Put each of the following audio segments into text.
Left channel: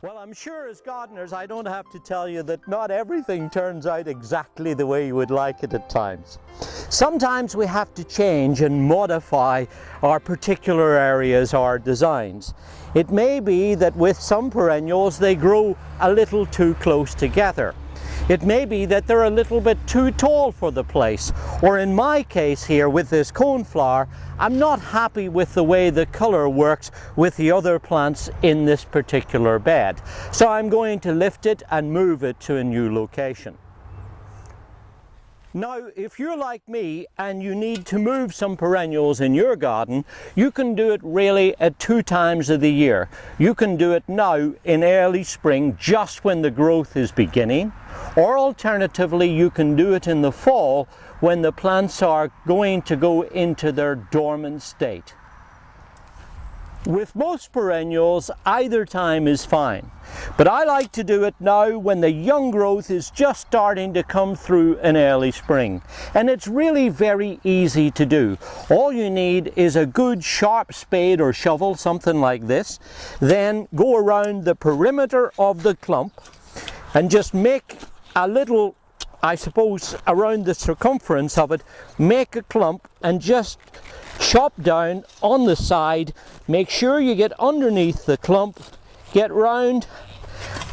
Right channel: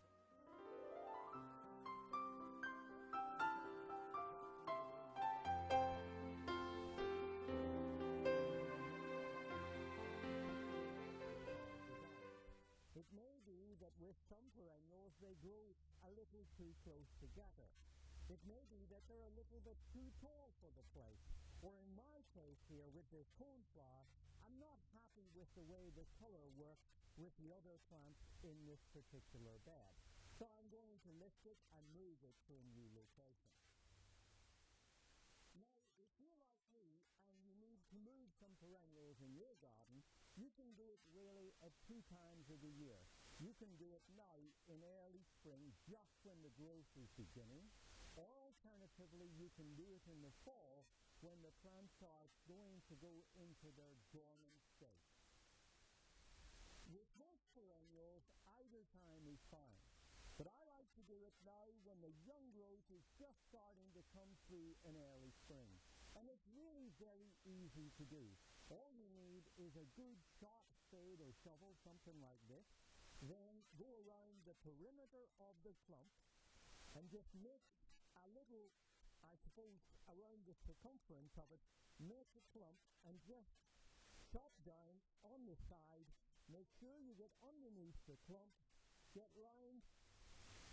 Well, I'm sure as gardeners I don't have to tell you that not everything turns out exactly the way you would like it at times. Sometimes we have to change and modify our particular areas, our designs. It may be that with some perennials they grow a little too close together. It may be that they're a little bit too tall for the place, or in my case here with this coneflower, I'm not happy with the way the colour works with the other plants in this particular bed. So I'm going to lift it and move it to a new location. Now, if you're like me and you need to move some perennials in your garden, you can do it really at 2 times of the year. You can do it now in early spring, just when the growth is beginning, or alternatively you can do it in the fall when the plants are going to go into their dormant state. With most perennials, either time is fine, but I like to do it now when the young growth is just starting to come through in early spring. And it's really very easy to do. All you need is a good sharp spade or shovel, something like this. Then go around the perimeter of the clump and just make a little, I suppose, around the circumference of it, make a clump and just chop down on the side. Make sure you get underneath the clump, get round,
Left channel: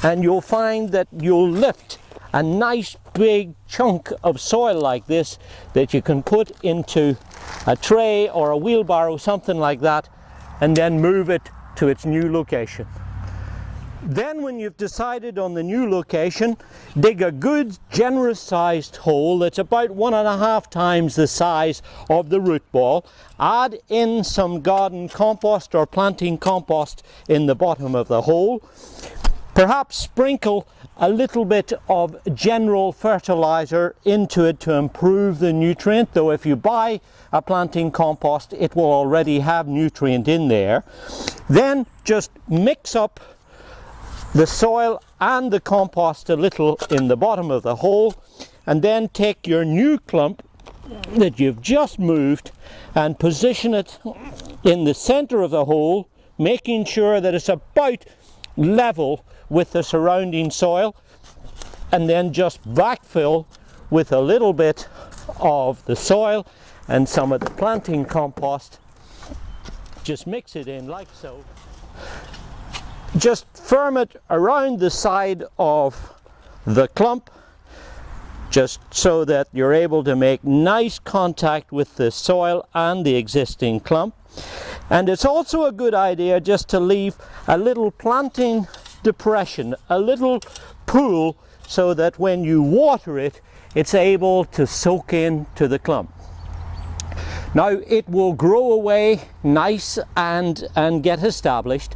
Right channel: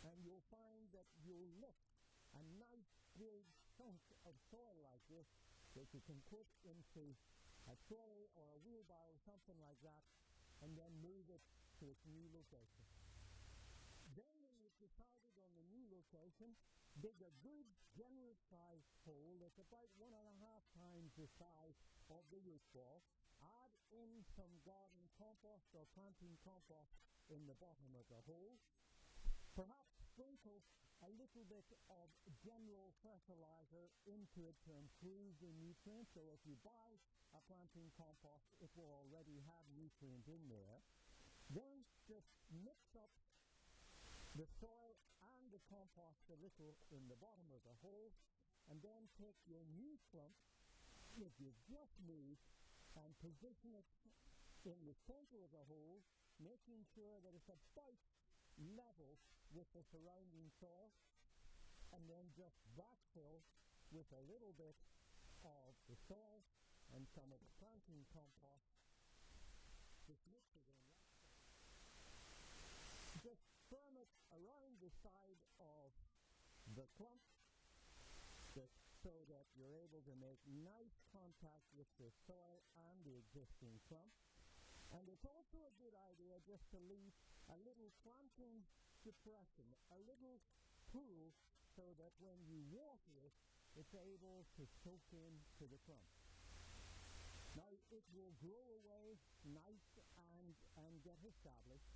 and you'll find that you'll lift a nice big chunk of soil like this that you can put into a tray or a wheelbarrow, something like that, and then move it to its new location. Then when you've decided on the new location, dig a good generous sized hole that's about 1.5 times the size of the root ball. Add in some garden compost or planting compost in the bottom of the hole. Perhaps sprinkle a little bit of general fertilizer into it to improve the nutrient, though if you buy a planting compost it will already have nutrient in there. Then just mix up the soil and the compost a little in the bottom of the hole, and then take your new clump that you've just moved and position it in the center of the hole, making sure that it's about level with the surrounding soil, and then just backfill with a little bit of the soil and some of the planting compost. Just mix it in like so. Just firm it around the side of the clump, just so that you're able to make nice contact with the soil and the existing clump. And it's also a good idea just to leave a little planting depression, a little pool, so that when you water it, it's able to soak into the clump. Now it will grow away nice and get established,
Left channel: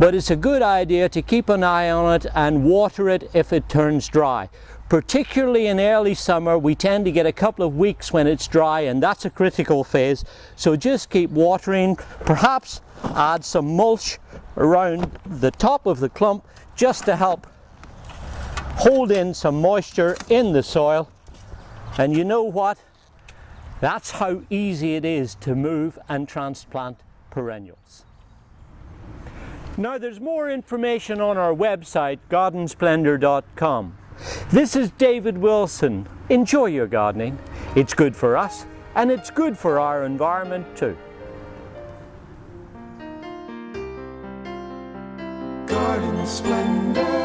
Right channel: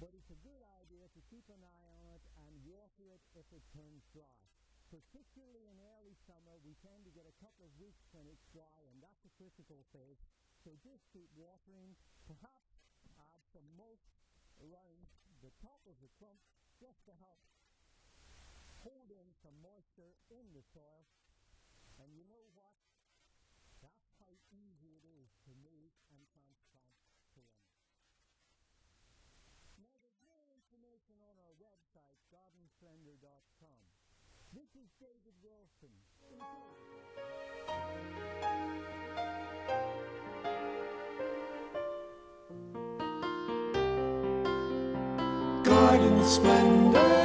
but it's a good idea to keep an eye on it and water it if it turns dry. Particularly in early summer, we tend to get a couple of weeks when it's dry, and that's a critical phase. So just keep watering, perhaps add some mulch around the top of the clump just to help hold in some moisture in the soil. And you know what? That's how easy it is to move and transplant perennials. Now there's more information on our website, gardensplendor.com. This is David Wilson. Enjoy your gardening. It's good for us and it's good for our environment too. Garden Splendor.